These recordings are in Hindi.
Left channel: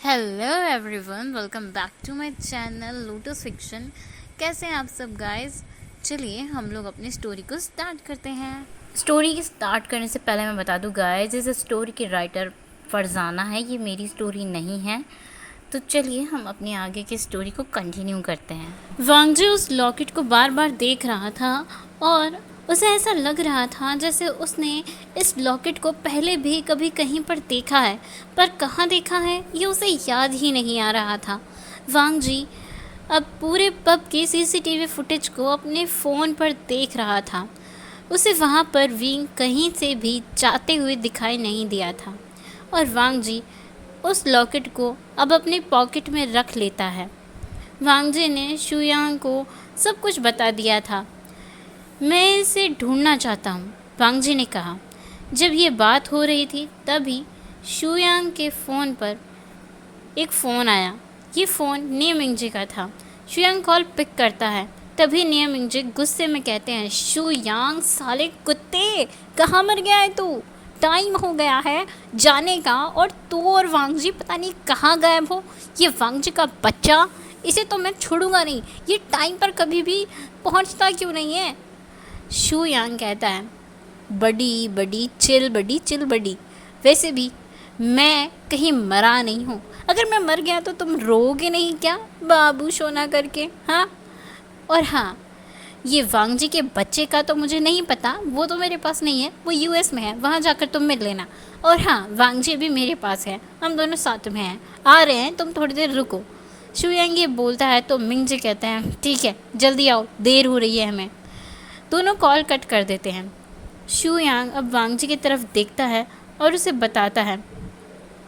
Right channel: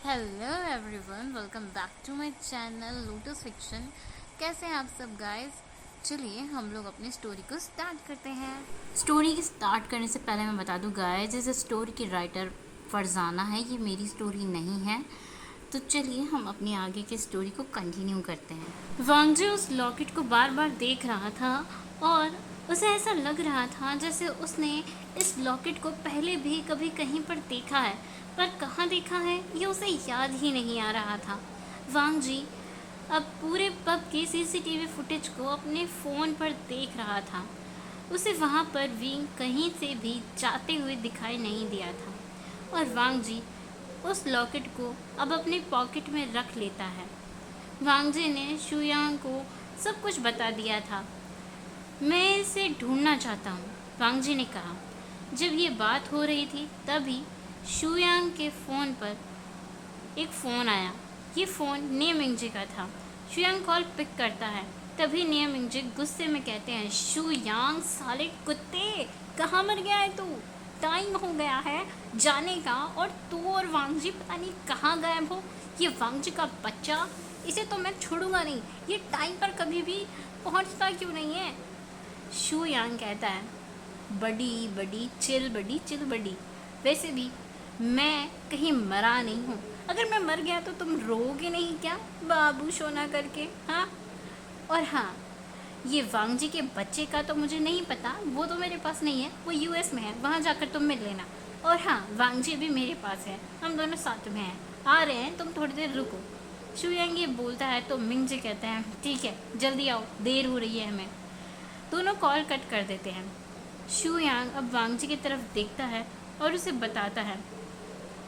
Hello everyone, welcome back to my channel Lotus Fiction. कैसे हैं आप सब गाइस? चलिए हम लोग अपनी स्टोरी को स्टार्ट करते हैं। स्टोरी की स्टार्ट करने से पहले मैं बता दूं गाइस, इस स्टोरी की राइटर फरजाना है, ये मेरी स्टोरी नहीं है। तो चलिए हम अपनी आगे की स्टोरी को कंटिन्यू करते हैं। वांगजी उस लॉकेट को बार बार देख रहा था और उसे ऐसा लग रहा था जैसे उसने इस लॉकेट को पहले भी कभी कहीं पर देखा है, पर कहाँ देखा है ये उसे याद ही नहीं आ रहा था। वांगजी अब पूरे पब की सीसीटीवी फुटेज को अपने फ़ोन पर देख रहा था। उसे वहाँ पर विंग कहीं से भी जाते हुए दिखाई नहीं दिया था और वांगजी उस लॉकेट को अब अपने पॉकेट में रख लेता है। वांगजी ने शुयांग को सब कुछ बता दिया था। मैं इसे ढूंढना चाहता हूँ, वांगजी ने कहा। जब ये बात हो रही थी तभी शुयांग के फ़ोन पर एक फ़ोन आया। ये फ़ोन नियमिंगजी का था। शुयांग कॉल पिक करता है। तभी नियमिंगजी गुस्से में कहते हैं, शुयांग साले कुत्ते, कहाँ मर गया है तू? टाइम हो गया है जाने का और तू और वांगजी पता नहीं कहाँ गायब हो। ये वांगजी का बच्चा, इसे तो मैं छोड़ूंगा नहीं। ये टाइम पर कभी भी पहुंचता क्यों नहीं है? शू यांग कहता है, बड़ी बड़ी चिल बड़ी। वैसे भी मैं कहीं मरा नहीं हूँ। अगर मैं मर गया तो तुम रोओगे नहीं क्या बाबू सोना करके? हाँ। और हाँ, ये वांगजी के बच्चे का तो मुझे नहीं पता, वो तो मेरे पास नहीं है, वो यूएस में है, वहाँ जाकर तुम मिल लेना। और हाँ, वांगजी भी मेरे पास है, हम दोनों साथ में हैं, आ रहे हैं, तुम थोड़ी देर रुको। शुयांग ये बोलता है तो मिंगजी कहते हैं, ठीक है जल्दी आओ, देर हो रही है हमें। दोनों कॉल कट कर देते हैं। शू यांग अब वांगजी की तरफ देखता है और उसे बताता है,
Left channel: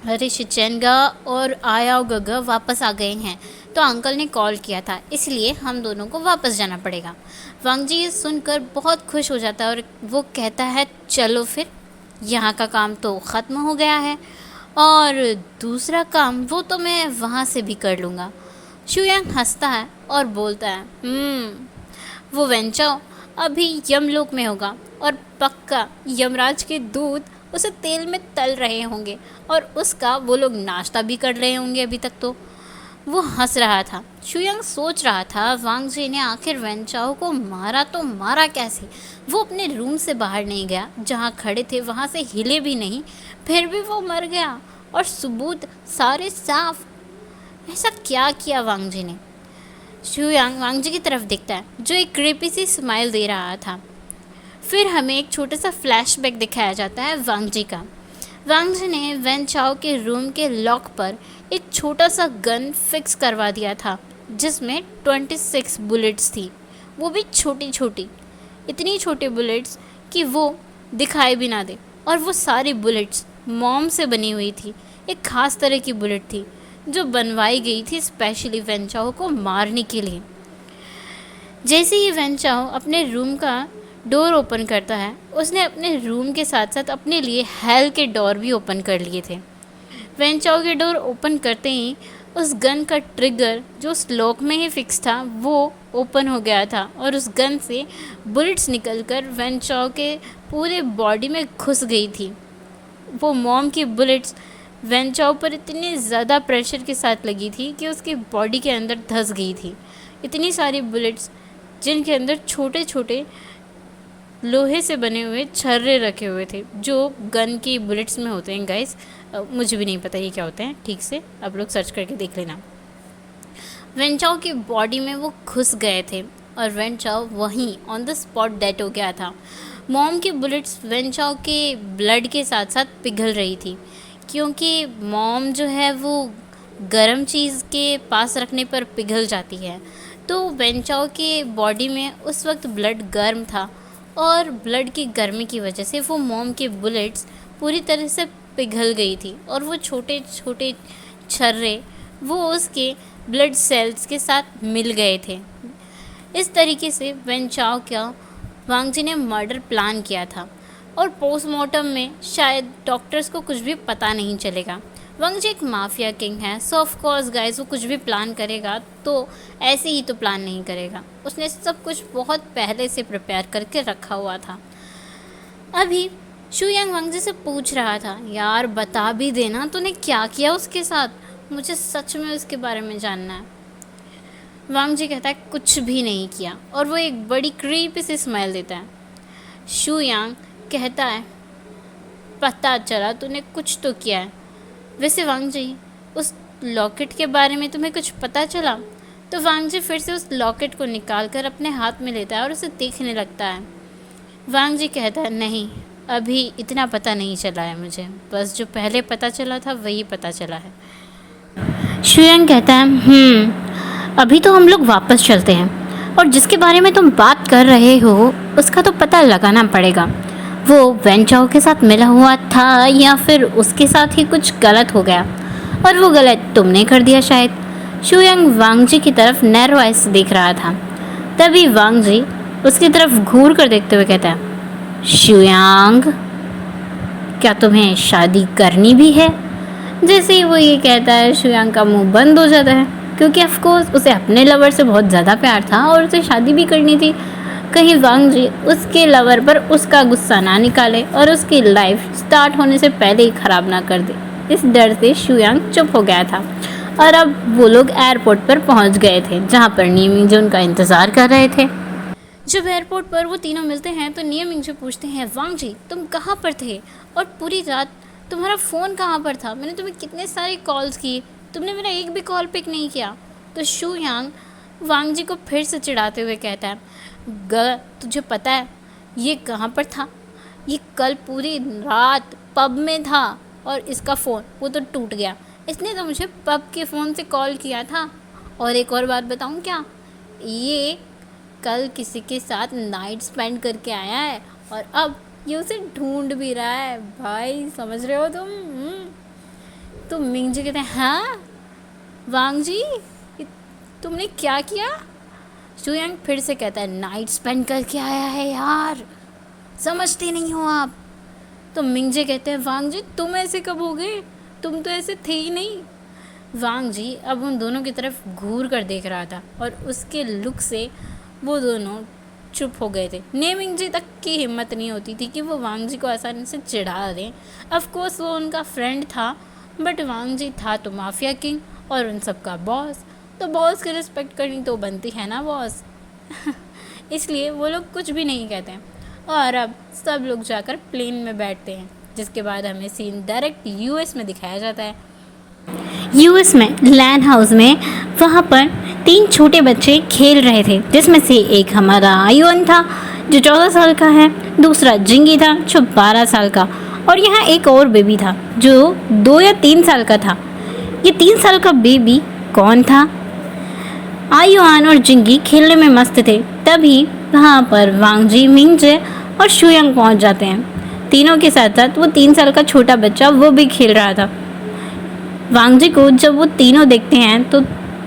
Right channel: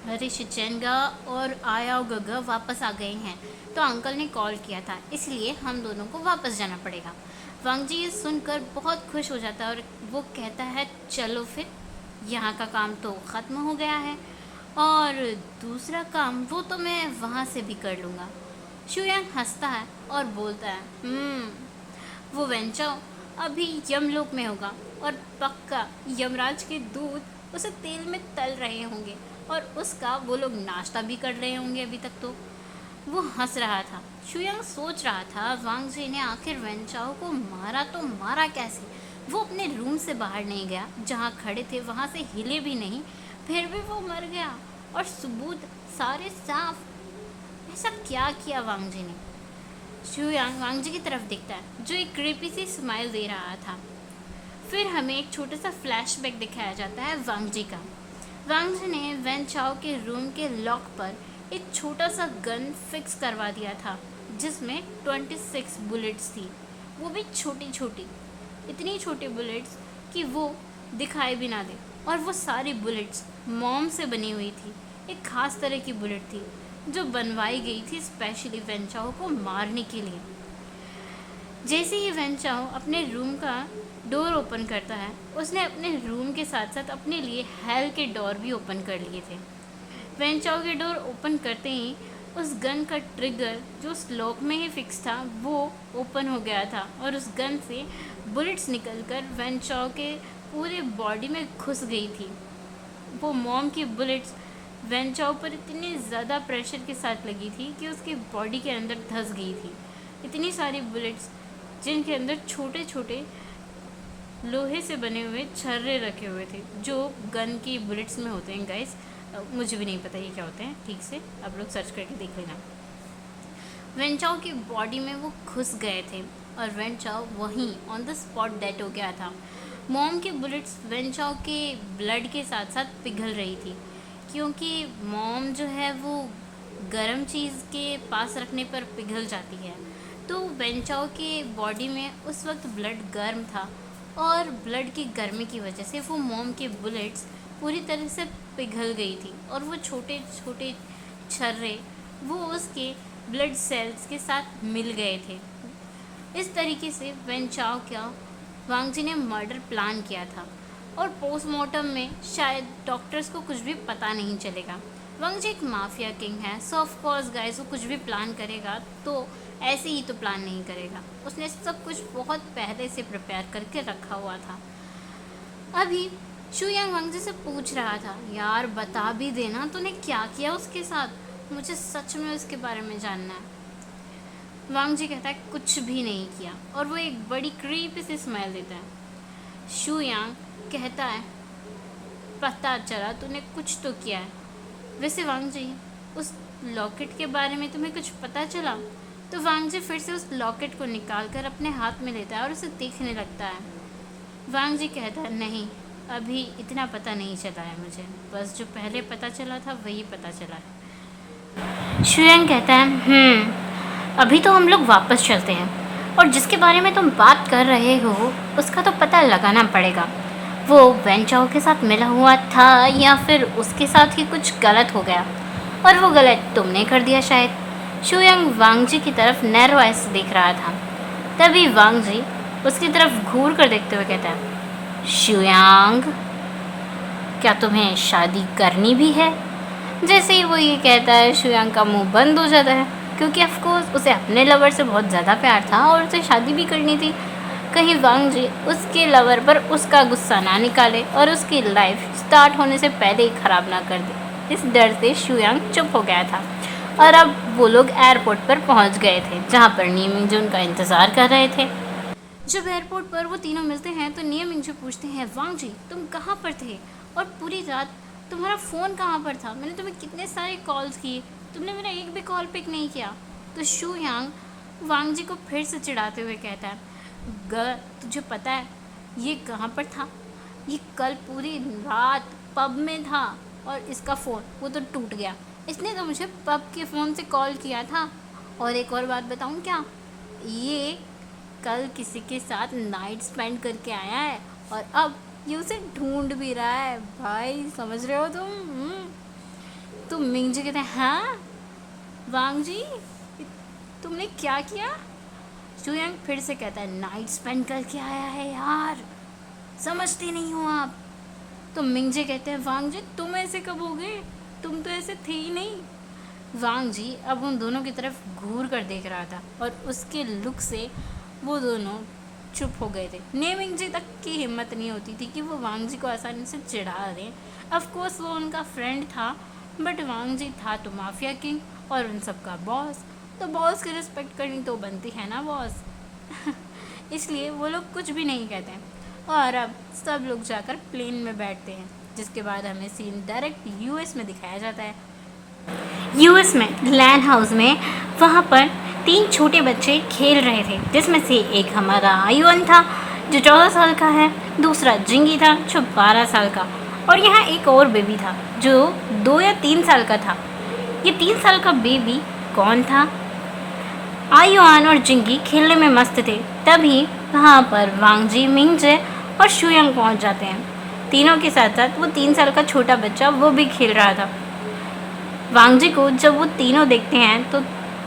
अरे शिचेंगा और आयाओ गगा वापस आ गए हैं, तो अंकल ने कॉल किया था, इसलिए हम दोनों को वापस जाना पड़ेगा। वांगजी ये सुनकर बहुत खुश हो जाता है और वो कहता है, चलो फिर, यहाँ का काम तो ख़त्म हो गया है और दूसरा काम वो तो मैं वहाँ से भी कर लूँगा। शुयांग हंसता है और बोलता है, वो वेंचाओ अभी यमलोक में होगा और पक्का यमराज के दूत उसे तेल में तल रहे होंगे और उसका वो लोग नाश्ता भी कर रहे होंगे अभी तक। तो वो हंस रहा था। शुयांग सोच रहा था, वांगजी ने आखिर वेंचाओ को मारा तो मारा कैसे? वो अपने रूम से बाहर नहीं गया, जहाँ खड़े थे वहाँ से हिले भी नहीं, फिर भी वो मर गया और सबूत सारे साफ। ऐसा क्या किया वांगजी ने? शुयांग वांगजी की तरफ देखता है, जो एक क्रीपी सी स्माइल दे रहा था। फिर हमें एक छोटा सा फ्लैशबैक दिखाया जाता है वांगजी का। वांगजी ने वेन चाओ के रूम के लॉक पर एक छोटा सा गन फिक्स करवा दिया था, जिसमें 26 बुलेट्स थी, वो भी छोटी छोटी, इतनी छोटी बुलेट्स कि वो दिखाई भी ना दे। और वो सारी बुलेट्स मोम से बनी हुई थी। एक ख़ास तरह की बुलेट थी जो बनवाई गई थी स्पेशली वेंचाओ को मारने के लिए। जैसे ही वेंचाओ अपने रूम का डोर ओपन करता है, उसने अपने रूम के साथ साथ अपने लिए हेल के डोर भी ओपन कर लिए थे। वेंचाओ के डोर ओपन करते ही उस गन का ट्रिगर जो उस लॉक में ही फिक्स था वो ओपन हो गया था और उस गन से बुलेट्स निकलकर वेंचाओ के पूरे बॉडी में घुस गई थी। वो मॉम की बुलेट्स वेंचाओ पर इतनी ज़्यादा प्रेशर के साथ लगी थी कि उसकी बॉडी के अंदर धंस गई थी। इतनी सारी बुलेट्स जिनके अंदर छोटे छोटे लोहे से बने हुए छर्रे रखे हुए थे, जो गन की बुलेट्स में होते हैं गाइस। मुझे भी नहीं पता ये क्या होते हैं ठीक से, आप लोग सर्च करके देख लेना। वेंचाओ की बॉडी में वो घुस गए थे और वेंचाओ वहीं ऑन द स्पॉट डेड हो गया था। मॉम की बुलेट्स वेंचाओ के ब्लड के साथ साथ पिघल रही थी, क्योंकि मॉम जो है वो गर्म चीज़ के पास रखने पर पिघल जाती है। तो वेंचाओ के बॉडी में उस वक्त ब्लड गर्म था और ब्लड की गर्मी की वजह से वो मॉम के बुलेट्स पूरी तरह से पिघल गई थी और वो छोटे छोटे छर्रे वो उसके ब्लड सेल्स के साथ मिल गए थे। इस तरीके से वेंचाओ का वांगजी ने मर्डर प्लान किया था और पोस्टमार्टम में शायद डॉक्टर्स को कुछ भी पता नहीं चलेगा। वांगजी एक माफिया किंग है, सो ऑफ कोर्स गाइस वो कुछ भी प्लान करेगा तो ऐसे ही तो प्लान नहीं करेगा, उसने सब कुछ बहुत पहले से प्रिपेयर करके रखा हुआ था। अभी शुयांग वांगजी से पूछ रहा था, यार बता भी देना तूने क्या किया उसके साथ, मुझे सच में उसके बारे में जानना है। वांग जी कहता है कुछ भी नहीं किया, और वो एक बड़ी क्रीपी सी स्माइल देता है। शू यांग कहता है पता चला तूने कुछ तो किया है। वैसे वांग जी, उस लॉकेट के बारे में तुम्हें कुछ पता चला? तो वांग जी फिर से उस लॉकेट को निकाल कर अपने हाथ में लेता है और उसे देखने लगता है। वांग जी कहता है नहीं, अभी इतना पता नहीं चला है मुझे, बस जो पहले पता चला था वही पता चला है। शुयांग कहता है अभी तो हम लोग वापस चलते हैं, और जिसके बारे में तुम बात कर रहे हो उसका तो पता लगाना पड़ेगा। वो वेन चाओ के साथ मिला हुआ था या फिर उसके साथ ही कुछ गलत हो गया, और वो गलत तुमने कर दिया शायद। शुयांग वांग जी की तरफ नैरो आइज से देख रहा था। तभी वांग जी उसकी तरफ घूर कर देखते हुए कहता है शुयांग, क्या तुम्हें शादी करनी भी है? जैसे ही वो ये कहता है शुयांग का मुंह बंद हो जाता है, क्योंकि ऑफकोर्स उसे अपने लवर से बहुत ज़्यादा प्यार था और उसे शादी भी करनी थी। कहीं वांग जी उसके लवर पर उसका गुस्सा ना निकाले और उसकी लाइफ स्टार्ट होने से पहले ही ख़राब ना कर दे। इस डर से शुयांग चुप हो गया था, और अब वो लोग एयरपोर्ट पर पहुंच गए थे, जहां पर नी मिंगजू उनका इंतज़ार कर रहे थे। जब एयरपोर्ट पर वो तीनों मिलते हैं तो नी मिंगजू पूछते हैं वांग जी तुम कहाँ पर थे, और पूरी रात तुम्हारा फ़ोन कहाँ पर था? मैंने तुम्हें कितने सारे कॉल्स किए, तुमने मेरा एक भी कॉल पिक नहीं किया। तो शू यांग वांग जी को फिर से चिढ़ाते हुए कहता है तुझे पता है ये कहाँ पर था? ये कल पूरी रात पब में था, और इसका फ़ोन वो तो टूट गया। इसने तो मुझे पब के फ़ोन से कॉल किया था। और एक और बात बताऊँ क्या, ये कल किसी के साथ नाइट स्पेंड करके आया है, और अब ये उसे ढूंढ भी रहा है। भाई समझ रहे हो तुम? तो मिंग जी कहते हैं हाँ वांग जी, तुमने क्या किया? शुयांग फिर से कहता है नाइट स्पेंड करके आया है यार, समझते नहीं हो आप। तो मिंग जी कहते हैं वांग जी तुम ऐसे कब हो गए, तुम तो ऐसे थे ही नहीं। वांग जी अब उन दोनों की तरफ घूर कर देख रहा था, और उसके लुक से वो दोनों चुप हो गए थे। नेमिंग जी तक की हिम्मत नहीं होती थी कि वो वांग जी को आसानी से चिढ़ा दें। ऑफकोर्स वो उनका फ्रेंड था, बट वांग जी था तो माफिया किंग और उन सब का बॉस, तो बॉस की रिस्पेक्ट करनी तो बनती है ना बॉस। इसलिए वो लोग कुछ भी नहीं कहते हैं, और अब सब लोग जाकर प्लेन में बैठते हैं, जिसके बाद हमें सीन डायरेक्ट यूएस में दिखाया जाता है। यूएस में लैंड हाउस में वहाँ पर 3 छोटे बच्चे खेल रहे थे, जिसमें से एक हमारा आयुन था जो 14 साल का है, दूसरा जिंगी था जो 12 साल का, और यहाँ एक और बेबी था जो 2 या 3 साल का था। ये 3 साल का बेबी कौन था? आयुआन और जिंगी खेलने में मस्त थे। तभी वहाँ पर वांग जी, मिंग जे और शुयांग पहुँच जाते हैं। तीनों के साथ साथ वो 3 साल का छोटा बच्चा वो भी खेल रहा था। वांग जी को जब वो तीनों देखते हैं तो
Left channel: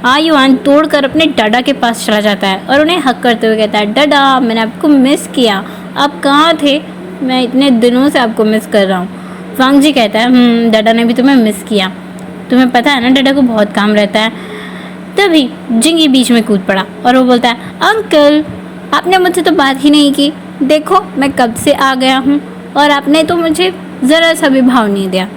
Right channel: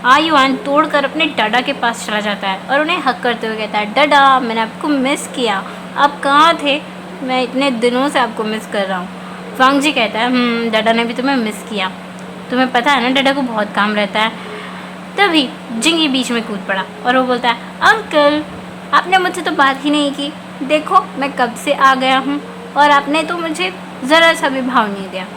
आयुआन तोड़कर अपने डाडा के पास चला जाता है और उन्हें हक करते हुए कहता है डाडा मैंने आपको मिस किया, आप कहाँ थे? मैं इतने दिनों से आपको मिस कर रहा हूँ। वांग जी कहता है डाडा ने भी तुम्हें मिस किया, तुम्हें पता है ना डाडा को बहुत काम रहता है। तभी जिंगी बीच में कूद पड़ा और वो बोलता है अंकल आपने मुझसे तो बात ही नहीं की, देखो मैं कब से आ गया हूँ और आपने तो मुझे ज़रा सा भी भाव नहीं दिया।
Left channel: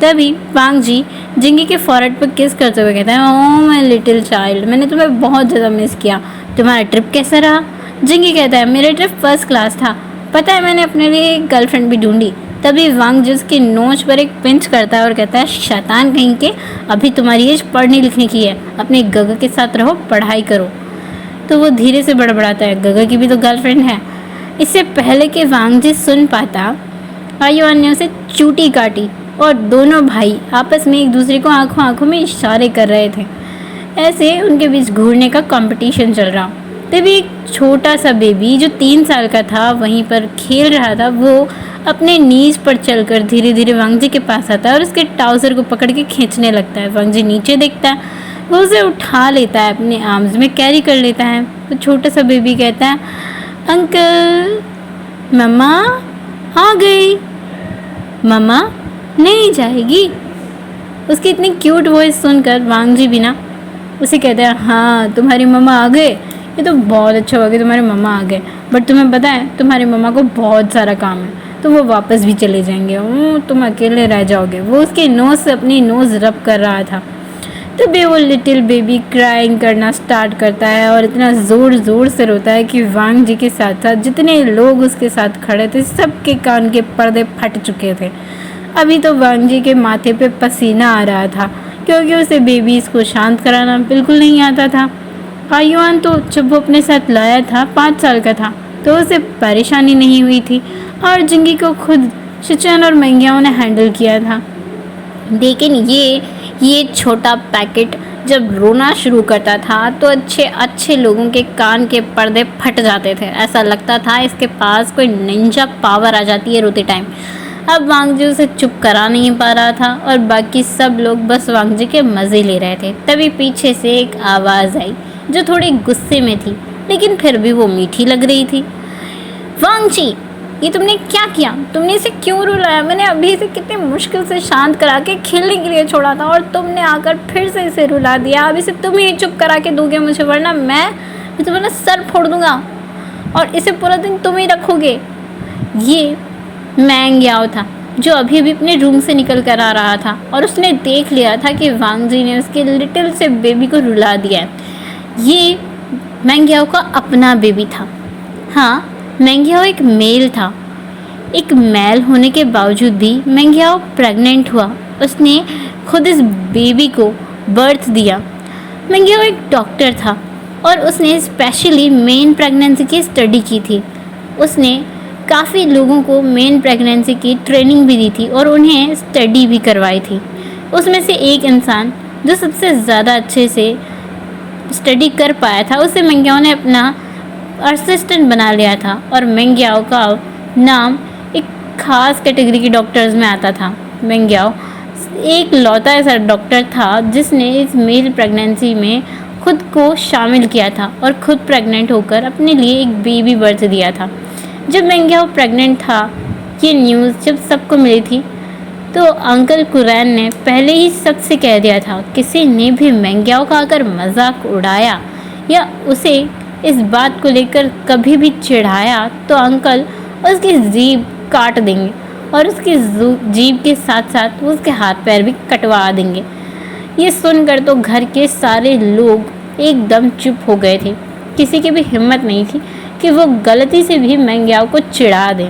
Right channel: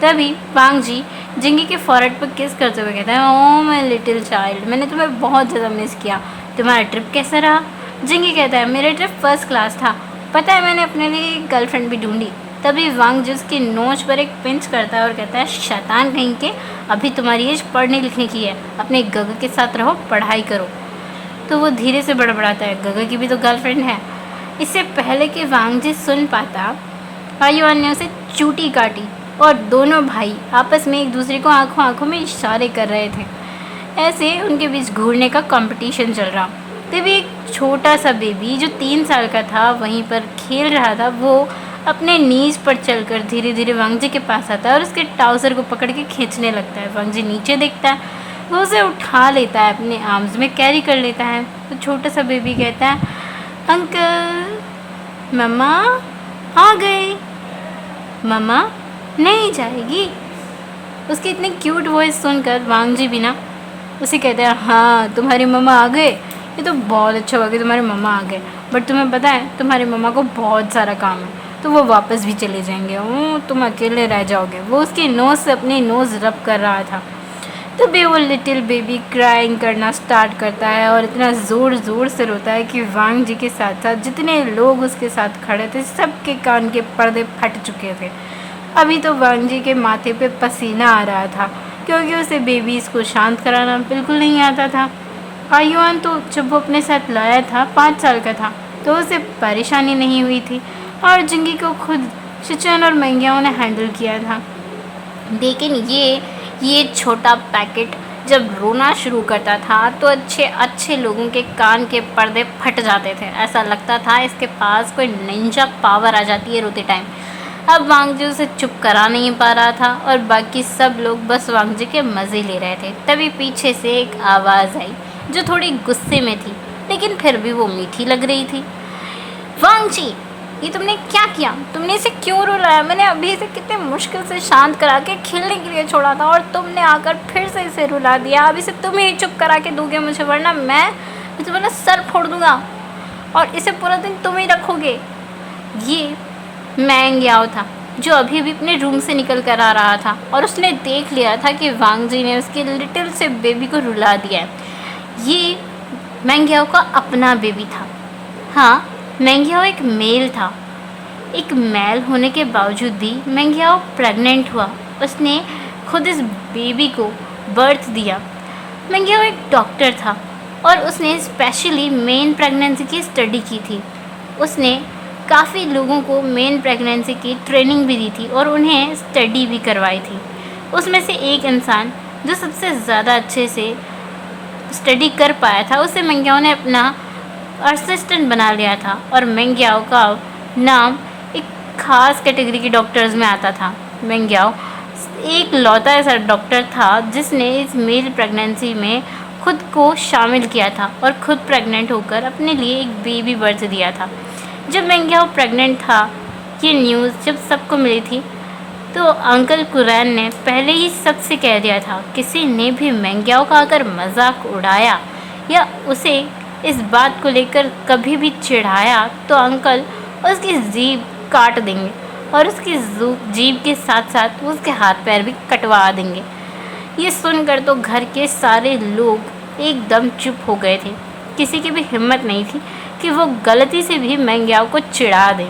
तभी वांग जी जिंगी के फॉरहेड पर किस करते हुए कहता है ओह माय लिटिल चाइल्ड, मैंने तुम्हें बहुत ज़्यादा मिस किया, तुम्हारा ट्रिप कैसा रहा? जिंगी कहता है मेरा ट्रिप फर्स्ट क्लास था, पता है मैंने अपने लिए एक गर्लफ्रेंड भी ढूंढी। तभी वांग जी उसकी नोच पर एक पिंच करता है और कहता है शैतान कहीं के, अभी तुम्हारी एज पढ़ने लिखने की है, अपने गगा के साथ रहो, पढ़ाई करो। तो वो धीरे से बड़बड़ाता है गगा की भी तो गर्लफ्रेंड है। इससे पहले कि वांग जी सुन पाता आयुआन ने उसे चूटी काटी और दोनों भाई आपस में एक दूसरे को आंखों आंखों में इशारे कर रहे थे। ऐसे उनके बीच घूरने का कंपटीशन चल रहा। तभी एक छोटा सा बेबी जो 3 साल का था वहीं पर खेल रहा था, वो अपने नीज पर चलकर धीरे धीरे वांग जी के पास आता है और उसके ट्राउज़र को पकड़ के खींचने लगता है। वांग जी नीचे देखता है, वो उसे उठा लेता है, अपने आर्म्स में कैरी कर लेता है। तो छोटा सा बेबी कहता है अंकल मम्मा आ गई, मम्मा नहीं जाएगी। उसकी इतनी क्यूट वॉइस सुनकर वांग जी भी ना उसे कहते हैं हाँ तुम्हारी मम्मा आ गए, ये तो बहुत अच्छा हुआ कि तुम्हारे मम्मा आ गए, बट तुम्हें पता है तुम्हारी मम्मा को बहुत सारा काम है, तो वो वापस भी चले जाएंगे, तुम अकेले रह जाओगे। वो उसकी नोज़ से अपनी नोज़ रब कर रहा था। तभी वो लिटिल बेबी क्राइंग करना स्टार्ट करता है और इतना ज़ोर ज़ोर से रोता है कि वांग जी के साथ साथ जितने लोग उसके साथ खड़े थे सबके कान के पर्दे फट चुके थे। अभी तो वांग जी के माथे पे पसीना आ रहा था, क्योंकि उसे बेबीज़ को शांत कराना बिल्कुल नहीं आता था। आयुआन तो जब वो अपने साथ लाया था 5 साल का था, तो उसे परेशानी नहीं हुई थी और जिंगी को खुद शिचन और मंगियाओं ने हैंडल किया था। लेकिन ये छोटा पैकेट जब रोना शुरू करता था तो अच्छे अच्छे लोगों के कान के पर्दे फट जाते थे। ऐसा लगता था इसके पास कोई निंजा पावर आ जाती है रोते टाइम। अब वांगजी उसे चुप करा नहीं पा रहा था और बाकी सब लोग बस वांगजी के मज़े ले रहे थे। तभी पीछे से एक आवाज़ आई जो थोड़ी गुस्से में थी, लेकिन फिर भी वो मीठी लग रही थी। वांगजी, ये तुमने क्या किया? तुमने इसे क्यों रुलाया? मैंने अभी इसे कितने मुश्किल से शांत करा के खेलने के लिए छोड़ा था और तुमने आकर फिर से इसे रुला दिया। अब इसे तुम ही चुप करा के दोगे मुझे, वरना मैं तुम्हारा सर फोड़ दूंगा और इसे पूरा दिन तुम ही रखोगे। ये मैंग याओ था जो अभी अभी अपने रूम से निकल कर आ रहा था और उसने देख लिया था कि वांगजी ने उसके लिटिल से बेबी को रुला दिया है। ये मैंग याओ का अपना बेबी था। हाँ, मेंगियाओ एक मेल था। एक मेल होने के बावजूद भी मेंगियाओ प्रेग्नेंट हुआ। उसने खुद इस बेबी को बर्थ दिया। मेंगियाओ एक डॉक्टर था और उसने स्पेशली मेन प्रेगनेंसी की स्टडी की थी। उसने काफ़ी लोगों को मेन प्रेगनेंसी की ट्रेनिंग भी दी थी और उन्हें स्टडी भी करवाई थी। उसमें से एक इंसान जो सबसे ज़्यादा अच्छे से स्टडी कर पाया था, उसे मेंगियाओ ने अपना असिस्टेंट बना लिया था और मेंगियाओ का नाम एक ख़ास कैटेगरी के डॉक्टर्स में आता था। मेंगियाओ एक लौता ऐसा डॉक्टर था जिसने इस मेल प्रेगनेंसी में खुद को शामिल किया था और खुद प्रेग्नेंट होकर अपने लिए एक बेबी बर्थ दिया था। जब मेंगियाओ प्रेग्नेंट था, ये न्यूज़ जब सबको मिली थी तो अंकल कुरैन ने पहले ही सबसे कह दिया था, किसी ने भी मेंगियाओ का अगर मजाक उड़ाया या उसे इस बात को लेकर कभी भी चिढ़ाया तो अंकल उसकी जीभ काट देंगे और उसकी जीभ के साथ साथ उसके हाथ पैर भी कटवा देंगे। ये सुनकर तो घर के सारे लोग एकदम चुप हो गए थे। किसी की भी हिम्मत नहीं थी कि वो गलती से भी मेंगियाओ को चिढ़ा दें।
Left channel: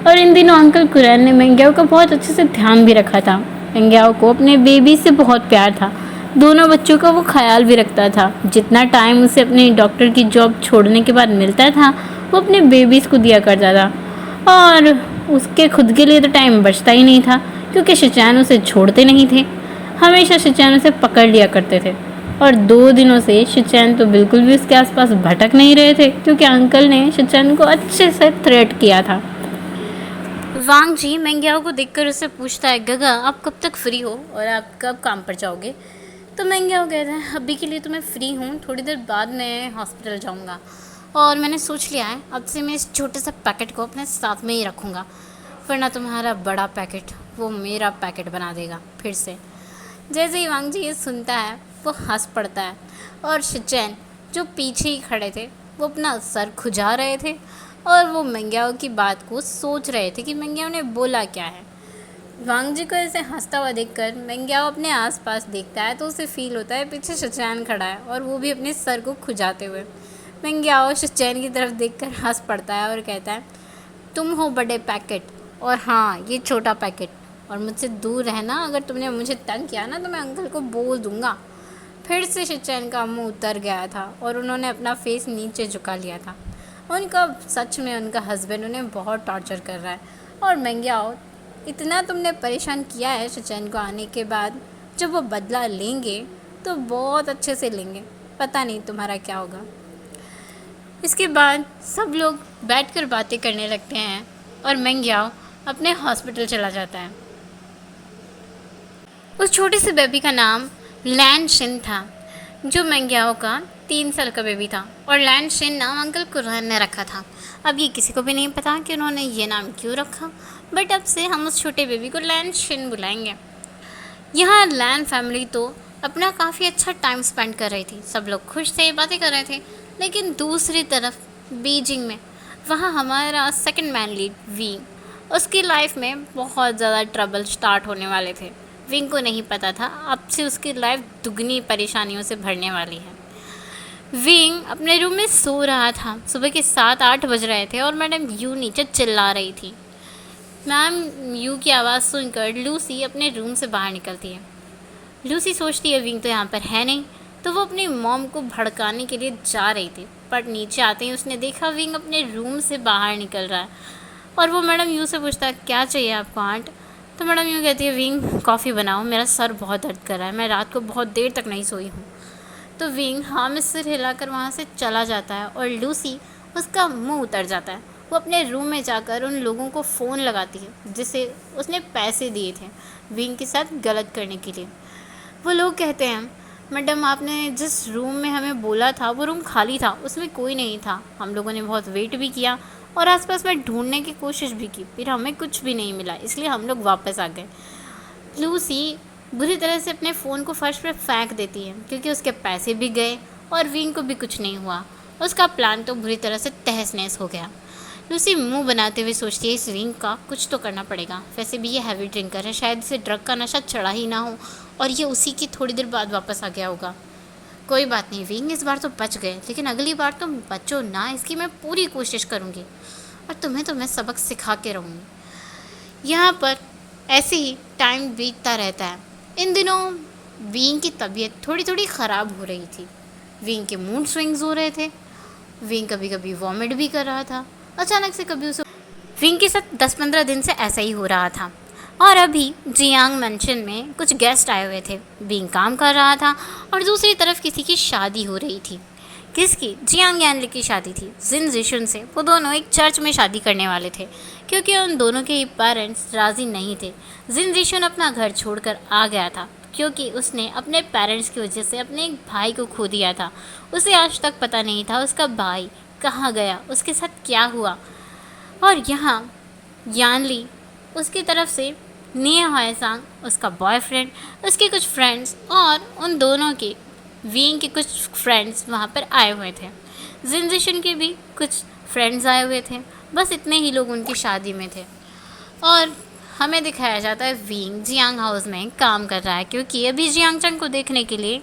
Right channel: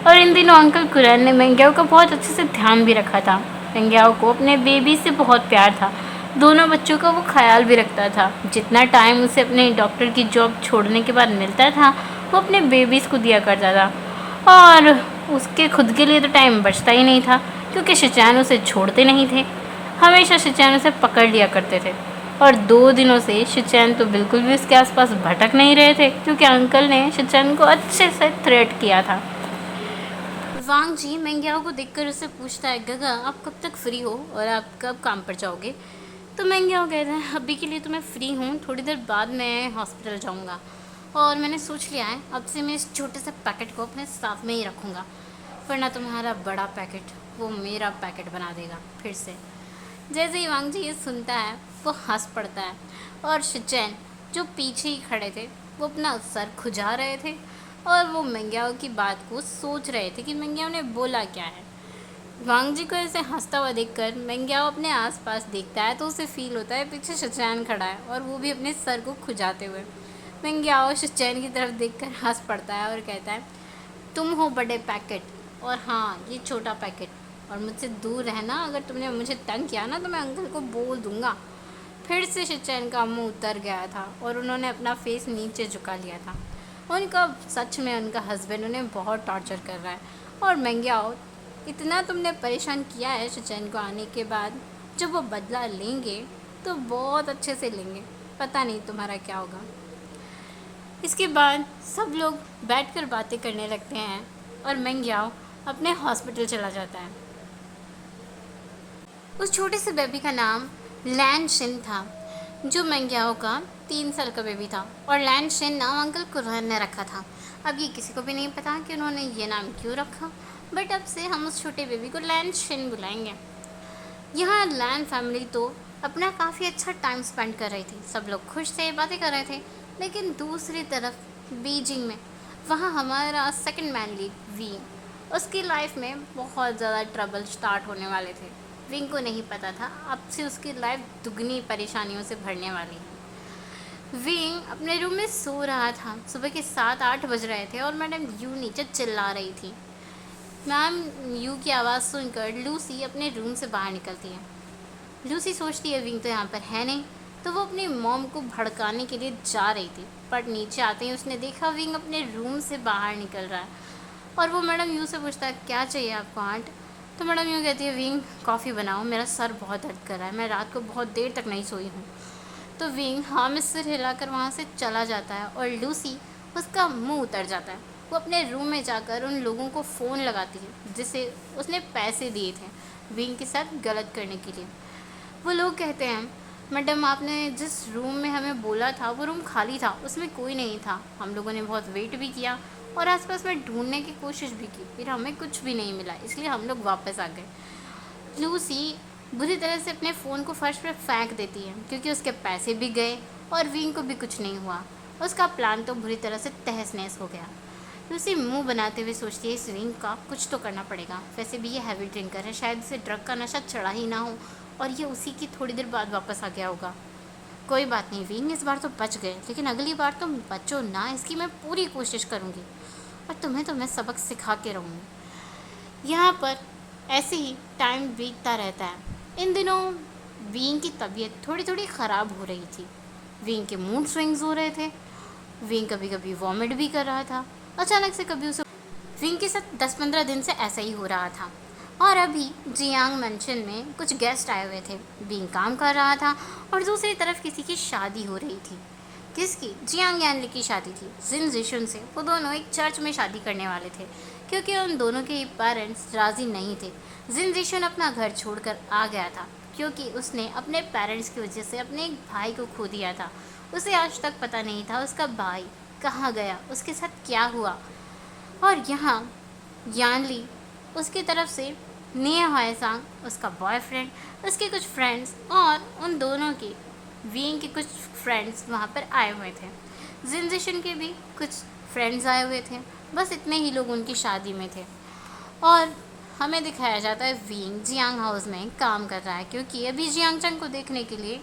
और इन दिनों अंकल कुरैन ने मेंगियाओ का बहुत अच्छे से ध्यान भी रखा था। मेंगियाओ को अपने बेबी से बहुत प्यार था। दोनों बच्चों का वो ख्याल भी रखता था। जितना टाइम उसे अपने डॉक्टर की जॉब छोड़ने के बाद मिलता था वो अपने बेबीज़ को दिया करता था और उसके खुद के लिए तो टाइम बचता ही नहीं था, क्योंकि शिचैन उसे छोड़ते नहीं थे। हमेशा शिचैन उसे पकड़ लिया करते थे और 2 दिनों से शिचैन तो बिल्कुल भी उसके आसपास भटक नहीं रहे थे, क्योंकि अंकल ने शिचैन को अच्छे से थ्रेट किया था। वांगजी मेंगियाओ को देखकर उससे पूछता है, गगा आप कब तक फ्री हो और आप कब काम पर जाओगे? तो मेंगियाओ कहता है, अभी के लिए तो मैं फ्री हूँ, थोड़ी देर बाद मैं हॉस्पिटल जाऊँगा और मैंने सोच लिया है अब से मैं इस छोटे से पैकेट को अपने साथ में ही रखूँगा, वरना तुम्हारा बड़ा पैकेट वो मेरा पैकेट बना देगा फिर से। जैसे ही वांगजी ये सुनता है वो हंस पड़ता है और शिचैन जो पीछे ही खड़े थे वो अपना सर खुजा रहे थे और वो मेंगियाओ की बात को सोच रहे थे कि मेंगियाओ ने बोला क्या है। वांगजी को ऐसे हंसता हुआ देखकर मेंगियाओ अपने आसपास देखता है तो उसे फील होता है पीछे शिचैन खड़ा है और वो भी अपने सर को खुजाते हुए। मेंगियाओ शिचैन की तरफ देखकर हंस पड़ता है और कहता है, तुम हो बड़े पैकेट और हाँ ये छोटा पैकेट, और मुझसे दूर रहना, अगर तुमने मुझे तंग किया ना तो मैं अंकल को बोल दूँगा। फिर से शिचैन का मुंह उतर गया था और उन्होंने अपना फेस नीचे झुका लिया था। उनका सच में उनका हस्बैंड उन्हें बहुत टॉर्चर कर रहा है और मेंगियाओ इतना तुमने परेशान किया है शिचैन को आने के बाद, जब वो बदला लेंगे तो बहुत अच्छे से लेंगे, पता नहीं तुम्हारा क्या होगा। इसके बाद सब लोग बैठकर बातें करने लगते हैं और मेंगियाओ अपने हॉस्पिटल चला जाता है। उस छोटे से बेबी का नाम लैन शिन था, जो मेंगियाओ का 3 साल का बेबी था और लैन शिन नाम अंकल कुरैन ने रखा था। अब ये किसी को भी नहीं पता कि उन्होंने ये नाम क्यों रखा, बट अब से हम उस छोटे बेबी को लैन शिन बुलाएंगे। यहाँ लैन फैमिली तो अपना काफ़ी अच्छा टाइम स्पेंड कर रही थी, सब लोग खुश थे, बातें कर रहे थे। लेकिन दूसरी तरफ बीजिंग में वहाँ हमारा सेकंड मैन लीड वी उसकी लाइफ में बहुत ज़्यादा ट्रबल स्टार्ट होने वाले थे। विंग को नहीं पता था अब से उसकी लाइफ दुगनी परेशानियों से भरने वाली है। विंग अपने रूम में सो रहा था। सुबह के 7-8 बज रहे थे और मैडम यू नीचे चिल्ला रही थी। मैम यू की आवाज़ सुनकर लूसी अपने रूम से बाहर निकलती है। लूसी सोचती है विंग तो यहाँ पर है नहीं, तो वो अपनी मॉम को भड़काने के लिए जा रही थी, पर नीचे आते ही उसने देखा विंग अपने रूम से बाहर निकल रहा है। और वो मैडम यू से पूछता है क्या चाहिए आपको आंट। तो मैडम यू कहती है विंग कॉफ़ी बनाओ, मेरा सर बहुत दर्द कर रहा है, मैं रात को बहुत देर तक नहीं सोई हूँ। तो विंग हाँ में सिर हिलाकर वहाँ से चला जाता है और लूसी उसका मुंह उतर जाता है। वो अपने रूम में जाकर उन लोगों को फ़ोन लगाती है जिसे उसने पैसे दिए थे विंग के साथ गलत करने के लिए। वो लोग कहते हैं मैडम आपने जिस रूम में हमें बोला था वो रूम खाली था, उसमें कोई नहीं था। हम लोगों ने बहुत वेट भी किया और आसपास में ढूंढने की कोशिश भी की, फिर हमें कुछ भी नहीं मिला, इसलिए हम लोग वापस आ गए। लूसी बुरी तरह से अपने फ़ोन को फर्श पर फेंक देती है क्योंकि उसके पैसे भी गए और विंग को भी कुछ नहीं हुआ। उसका प्लान तो बुरी तरह से तहस नहस हो गया। लूसी मुंह बनाते हुए सोचती है इस विंग का कुछ तो करना पड़ेगा। वैसे भी ये हैवी ड्रिंकर है, शायद इसे ड्रग का नशा चढ़ा ही ना हो और ये उसी की थोड़ी देर बाद वापस आ गया होगा। कोई बात नहीं विंग, इस बार तो बच गए, लेकिन अगली बार तुम बचो ना, इसकी मैं पूरी कोशिश करूँगी और तुम्हें तो मैं सबक सिखा के रहूँगी। यहाँ पर ऐसे ही टाइम बीतता रहता है। इन दिनों विंग की तबीयत थोड़ी थोड़ी ख़राब हो रही थी। विंग के मूड स्विंग्स हो रहे थे। विंग कभी कभी वॉमिट भी कर रहा था। अचानक से कभी उसे विंग के साथ 10-15 दिन से ऐसा ही हो रहा था। और अभी जियांग मेंशन में कुछ गेस्ट आए हुए थे। विंग काम कर रहा था और दूसरी तरफ किसी की शादी हो रही थी। किसकी? जियांग यानली की शादी थी जिन जिशुन से। वो दोनों एक चर्च में शादी करने वाले थे क्योंकि उन दोनों के पेरेंट्स राज़ी नहीं थे। जिन जिशुन अपना घर छोड़कर आ गया था क्योंकि उसने अपने पेरेंट्स की वजह से अपने एक भाई को खो दिया था। उसे आज तक पता नहीं था उसका भाई कहाँ गया, उसके साथ क्या हुआ। और यहाँ यानली उसकी तरफ से निया हायसांग, उसका बॉयफ्रेंड, उसके कुछ फ्रेंड्स और उन दोनों के विंग के कुछ फ्रेंड्स वहाँ पर आए हुए थे। जिनजिशन के भी कुछ फ्रेंड्स आए हुए थे। बस इतने ही लोग उनकी शादी में थे। और हमें दिखाया जाता है विंग जियांग हाउस में काम कर रहा है क्योंकि अभी जियांग चंग को देखने के लिए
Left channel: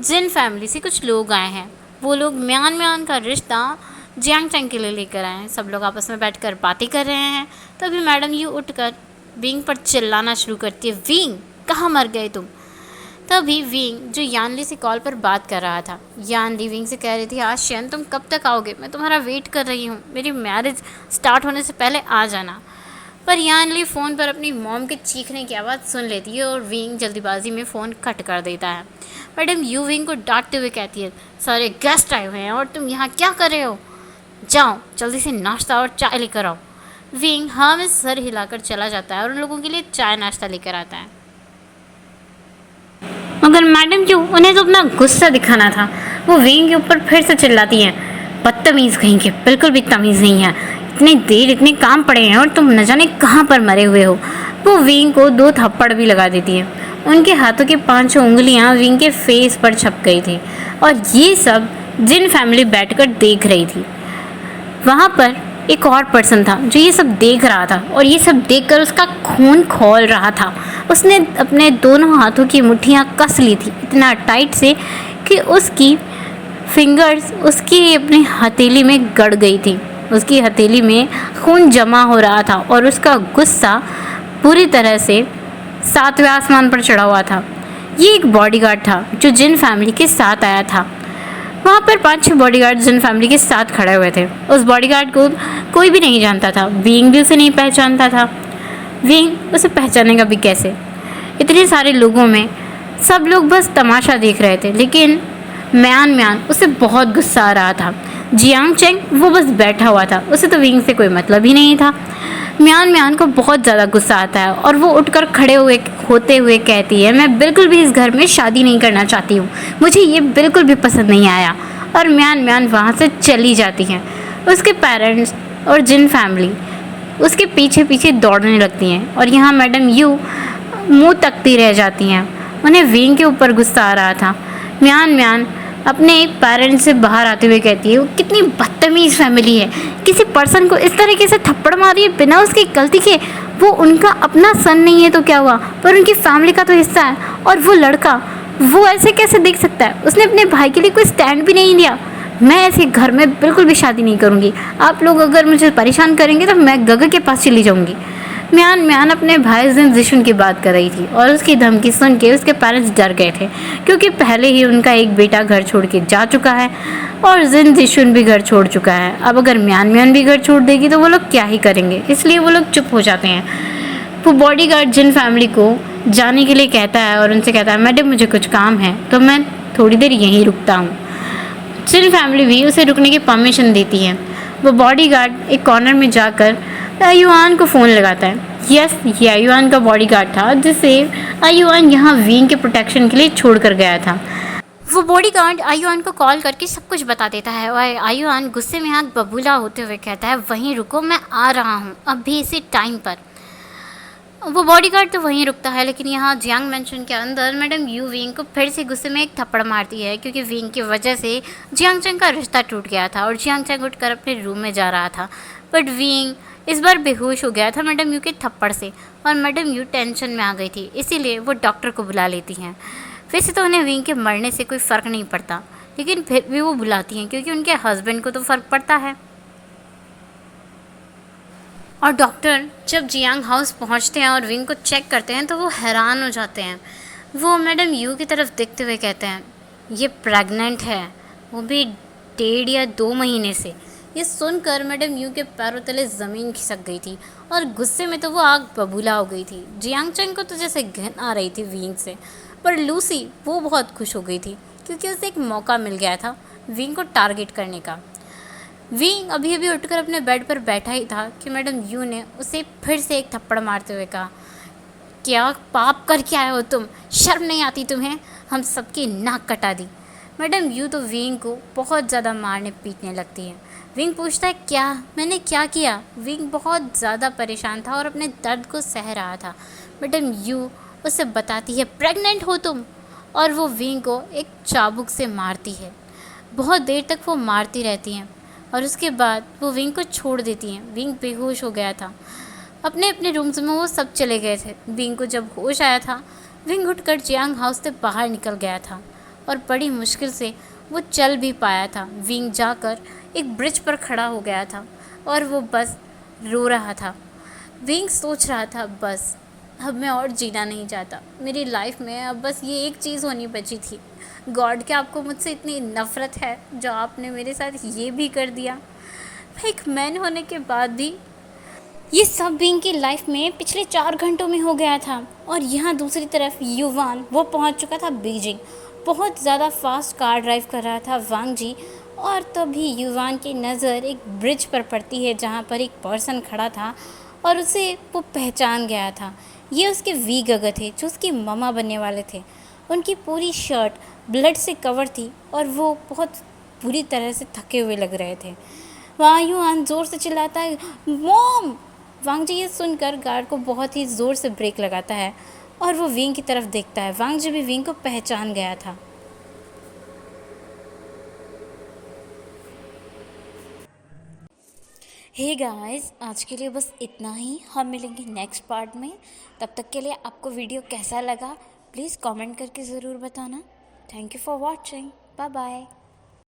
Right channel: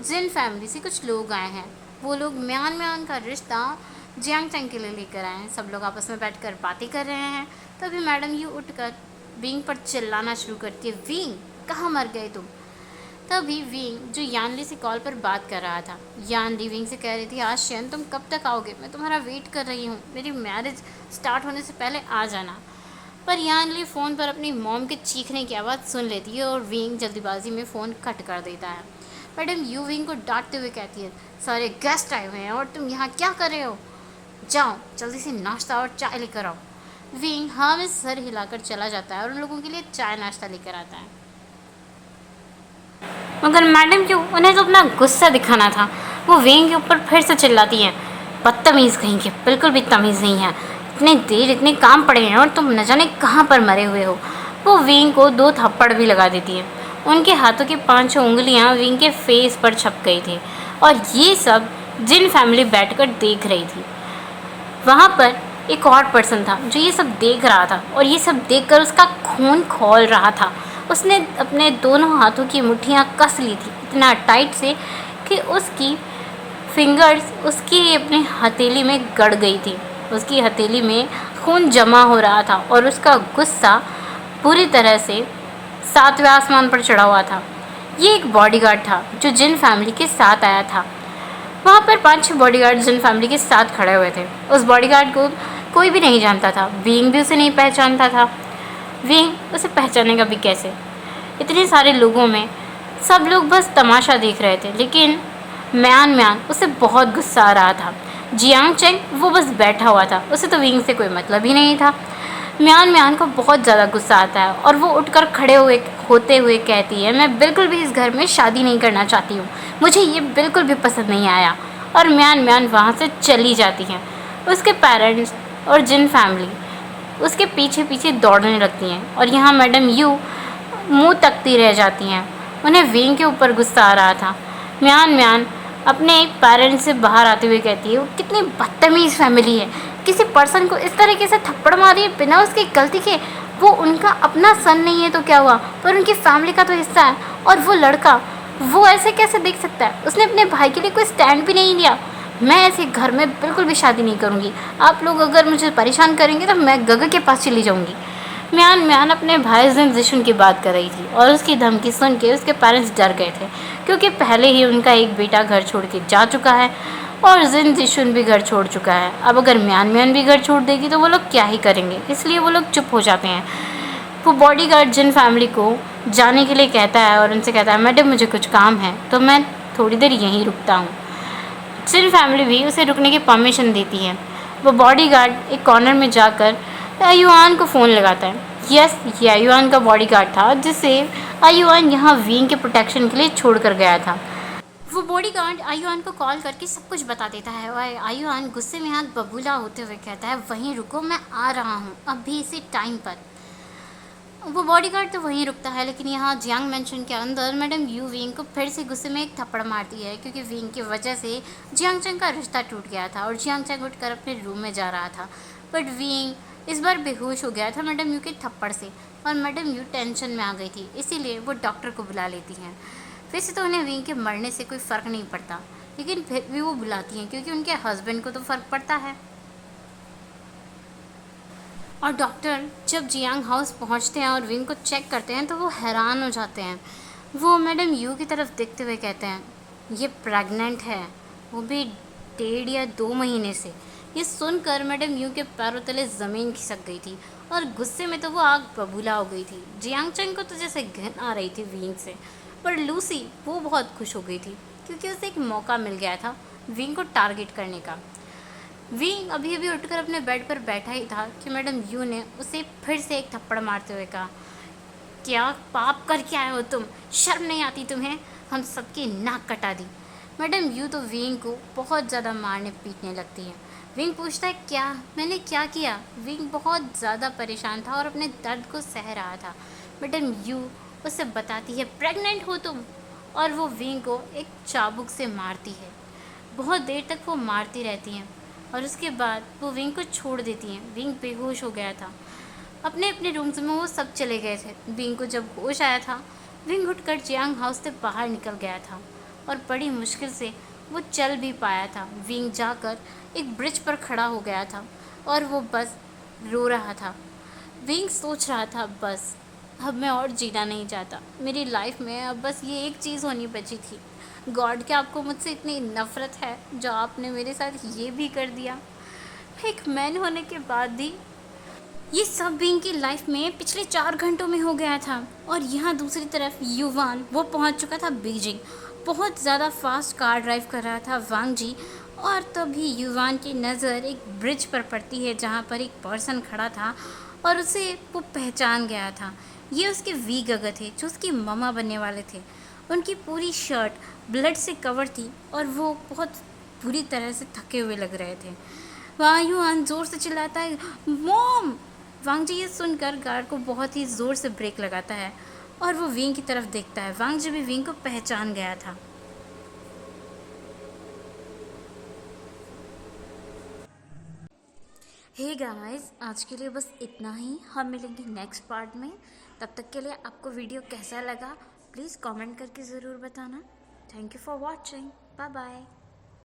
जिन फैमिली से कुछ लोग आए हैं। वो लोग म्यान म्यान का रिश्ता जियांग चंग के लिए लेकर आए हैं। सब लोग आपस में बैठकर बातें कर रहे हैं। तभी मैडम यू उठकर विंग पर चिल्लाना शुरू करती है, विंग कहाँ मर गए तुम। तभी विंग जो यानली से कॉल पर बात कर रहा था, यानली विंग से कह रही थी आशियन तुम कब तक आओगे, मैं तुम्हारा वेट कर रही हूँ, मेरी मैरिज स्टार्ट होने से पहले आ जाना। पर यानली फ़ोन पर अपनी मॉम के चीखने की आवाज़ सुन लेती है और विंग जल्दीबाजी में फ़ोन कट कर देता है। मैडम यू विंग को डांटते हुए कहती है सारे गेस्ट आए हुए हैं और तुम यहाँ क्या कर रहे हो, जाओ जल्दी से नाश्ता और चाय लेकर आओ। विंग हाँ में सर हिलाकर चला जाता है और उन लोगों के लिए चाय नाश्ता लेकर आता है। मगर मैडम क्यों, उन्हें तो अपना गुस्सा दिखाना था। वो विंग के ऊपर फिर से चिल्लाती हैं, बदतमीज़ कहीं के, बिल्कुल भी तमीज़ नहीं है, इतने देर इतने काम पड़े हैं और तुम न जाने कहाँ पर मरे हुए हो। वो विंग को 2 थप्पड़ भी लगा देती है। उनके हाथों की 5 उंगलियाँ विंग के फेस पर छप गई थी और ये सब जिन फैमिली बैठकर देख रही थी। वहाँ पर एक और पर्सन था जो ये सब देख रहा था और ये सब देखकर उसका खून खौल रहा था। उसने अपने दोनों हाथों की मुट्ठियाँ कस ली थी इतना टाइट से कि उसकी फिंगर्स उसकी अपनी हथेली में गड़ गई थी। उसकी हथेली में खून जमा हो रहा था और उसका गुस्सा पूरी तरह से 7वें आसमान पर चढ़ा हुआ था। ये एक बॉडीगार्ड था जो जिन फैमिली के साथ आया था। वहाँ पर 5-6 बॉडीगार्ड जिन फैमिली के साथ खड़े हुए थे। उस बॉडीगार्ड को कोई भी नहीं जानता था। विंग भी उसे नहीं पहचानता था। विंग उसे पहचानेगा भी कैसे, इतने सारे लोगों में। सब लोग बस तमाशा देख रहे थे, लेकिन म्यान उसे बहुत गुस्सा आ रहा था। जियांग चेंग वो बस बैठा हुआ था, उसे तो विंग से कोई मतलब ही नहीं था। म्यान को बहुत ज़्यादा गुस्सा आता है और वो उठकर खड़े होते हुए कहती है, मैं बिल्कुल भी इस घर में शादी नहीं करना चाहती हूँ, मुझे ये बिल्कुल भी पसंद नहीं आया। और म्यान वहाँ से चली जाती हैं। उसके पेरेंट्स और जिन फैमिली उसके पीछे पीछे दौड़ने लगती हैं और यहाँ मैडम यू मुंह तकती रह जाती हैं। उन्हें विंग के ऊपर गुस्सा आ रहा था। म्यान अपने पेरेंट्स से बाहर आते हुए कहती है वो कितनी बदतमीज़ फैमिली है, किसी पर्सन को इस तरीके से थप्पड़ मारी है बिना उसकी गलती के। वो उनका अपना सन नहीं है तो क्या हुआ, पर उनकी फैमिली का तो हिस्सा है। और वो लड़का वो ऐसे कैसे देख सकता है, उसने अपने भाई के लिए कोई स्टैंड भी नहीं लिया। मैं ऐसे घर में बिल्कुल भी शादी नहीं करूँगी। आप लोग अगर मुझे परेशान करेंगे तो मैं गग के पास चली जाऊँगी। म्यान म्यान अपने भाई जिन जिशुन की बात कर रही थी और उसकी धमकी सुन के उसके पेरेंट्स डर गए थे, क्योंकि पहले ही उनका एक बेटा घर छोड़ के जा चुका है और जिन जिशुन भी घर छोड़ चुका है। अब अगर म्यान म्यान भी घर छोड़ देगी तो वो लोग क्या ही करेंगे, इसलिए वो लोग चुप हो जाते हैं। वो बॉडीगार्ड जिन फैमिली को जाने के लिए कहता है और उनसे कहता है मैडम मुझे कुछ काम है तो मैं थोड़ी देर यहीं रुकता हूँ। जिन फैमिली भी उसे रुकने की परमिशन देती है। वो बॉडीगार्ड एक कॉर्नर में जाकर आयुआन को फ़ोन लगाता है। यस, ये आयुआन का बॉडीगार्ड था जिसे आयुआन यहाँ विंग के प्रोटेक्शन के लिए छोड़ कर गया था। वो बॉडीगार्ड आयुआन को कॉल करके सब कुछ बता देता है और आयुआन गुस्से में आग बबूला होते हुए कहता है वहीं रुको, मैं आ रहा हूँ अभी इसी टाइम पर। वो बॉडीगार्ड तो वहीं रुकता है, लेकिन यहाँ जियांग मेंशन के अंदर मैडम यू विंग को फिर से गुस्से में एक थप्पड़ मारती है, क्योंकि विंग की वजह से जियांग चंग का रिश्ता टूट गया था और जियांग चंग उठकर अपने रूम में जा रहा था। बट विंग इस बार बेहोश हो गया था मैडम यू के थप्पड़ से और मैडम यू टेंशन में आ गई थी, इसीलिए वो डॉक्टर को बुला लेती हैं। वैसे तो उन्हें विंग के मरने से कोई फ़र्क नहीं पड़ता, लेकिन फिर भी वो बुलाती हैं क्योंकि उनके हस्बैंड को तो फ़र्क पड़ता है। और डॉक्टर जब जियांग हाउस पहुंचते हैं और विंग को चेक करते हैं तो वो हैरान हो जाते हैं। वो मैडम यू की तरफ देखते हुए कहते हैं ये प्रेग्नेंट है, वो भी 1.5 या 2 महीने से। ये सुनकर मैडम यू के पैरों तले ज़मीन खिसक गई थी और गुस्से में तो वो आग बबूला हो गई थी। जियांग चंग को तो जैसे घिन आ रही थी विंग से, पर लूसी वो बहुत खुश हो गई थी क्योंकि उसे एक मौका मिल गया था विंग को टारगेट करने का। विंग अभी अभी उठकर अपने बेड पर बैठा ही था कि मैडम यू ने उसे फिर से एक थप्पड़ मारते हुए कहा क्या पाप करके आए हो तुम, शर्म नहीं आती तुम्हें, हम सबकी नाक कटा दी। मैडम यू तो विंग को बहुत ज़्यादा मारने पीटने लगती है। विंग पूछता है क्या मैंने क्या किया। विंग बहुत ज़्यादा परेशान था और अपने दर्द को सह रहा था। मैडम यू उसे बताती है प्रेग्नेंट हो तुम, और वो विंग को एक चाबुक से मारती है। बहुत देर तक वो मारती रहती हैं और उसके बाद वो विंग को छोड़ देती हैं। विंग बेहोश हो गया था। अपने अपने रूम्स में वो सब चले गए थे। विंग को जब होश आया था, विंग उठकर जियांग हाउस से बाहर निकल गया था और बड़ी मुश्किल से वो चल भी पाया था। विंग जाकर एक ब्रिज पर खड़ा हो गया था और वो बस रो रहा था। विंग सोच रहा था बस अब मैं और जीना नहीं चाहता, मेरी लाइफ में अब बस ये एक चीज़ होनी बची थी। गॉड क्या आपको मुझसे इतनी नफ़रत है जो आपने मेरे साथ ये भी कर दिया। एक मैन होने के बाद भी ये सब विंग की लाइफ में पिछले 4 घंटों में हो गया था। और यहाँ दूसरी तरफ युवान वो पहुँच चुका था बीजिंग। बहुत ज़्यादा फास्ट कार ड्राइव कर रहा था वांग जी, और तभी युवान की नज़र एक ब्रिज पर पड़ती है जहाँ पर एक पर्सन खड़ा था और उसे वो पहचान गया था। ये उसके वी गग थे जो उसकी ममा बनने वाले थे। उनकी पूरी शर्ट ब्लड से कवर थी और वो बहुत बुरी तरह से थके हुए लग रहे थे। वहाँ युवान ज़ोर से चिल्लाता है मॉम। वांग जी ये सुनकर गार्ड को बहुत ही ज़ोर से ब्रेक लगाता है और वो विंग की तरफ देखता है। वांग जी भी विंग को पहचान गया था। हे गाइस, आज के लिए बस इतना ही। हम मिलेंगे नेक्स्ट पार्ट में। तब तक के लिए आपको वीडियो कैसा लगा प्लीज़ कमेंट करके ज़रूर बताना। Thank you for watching. Bye bye.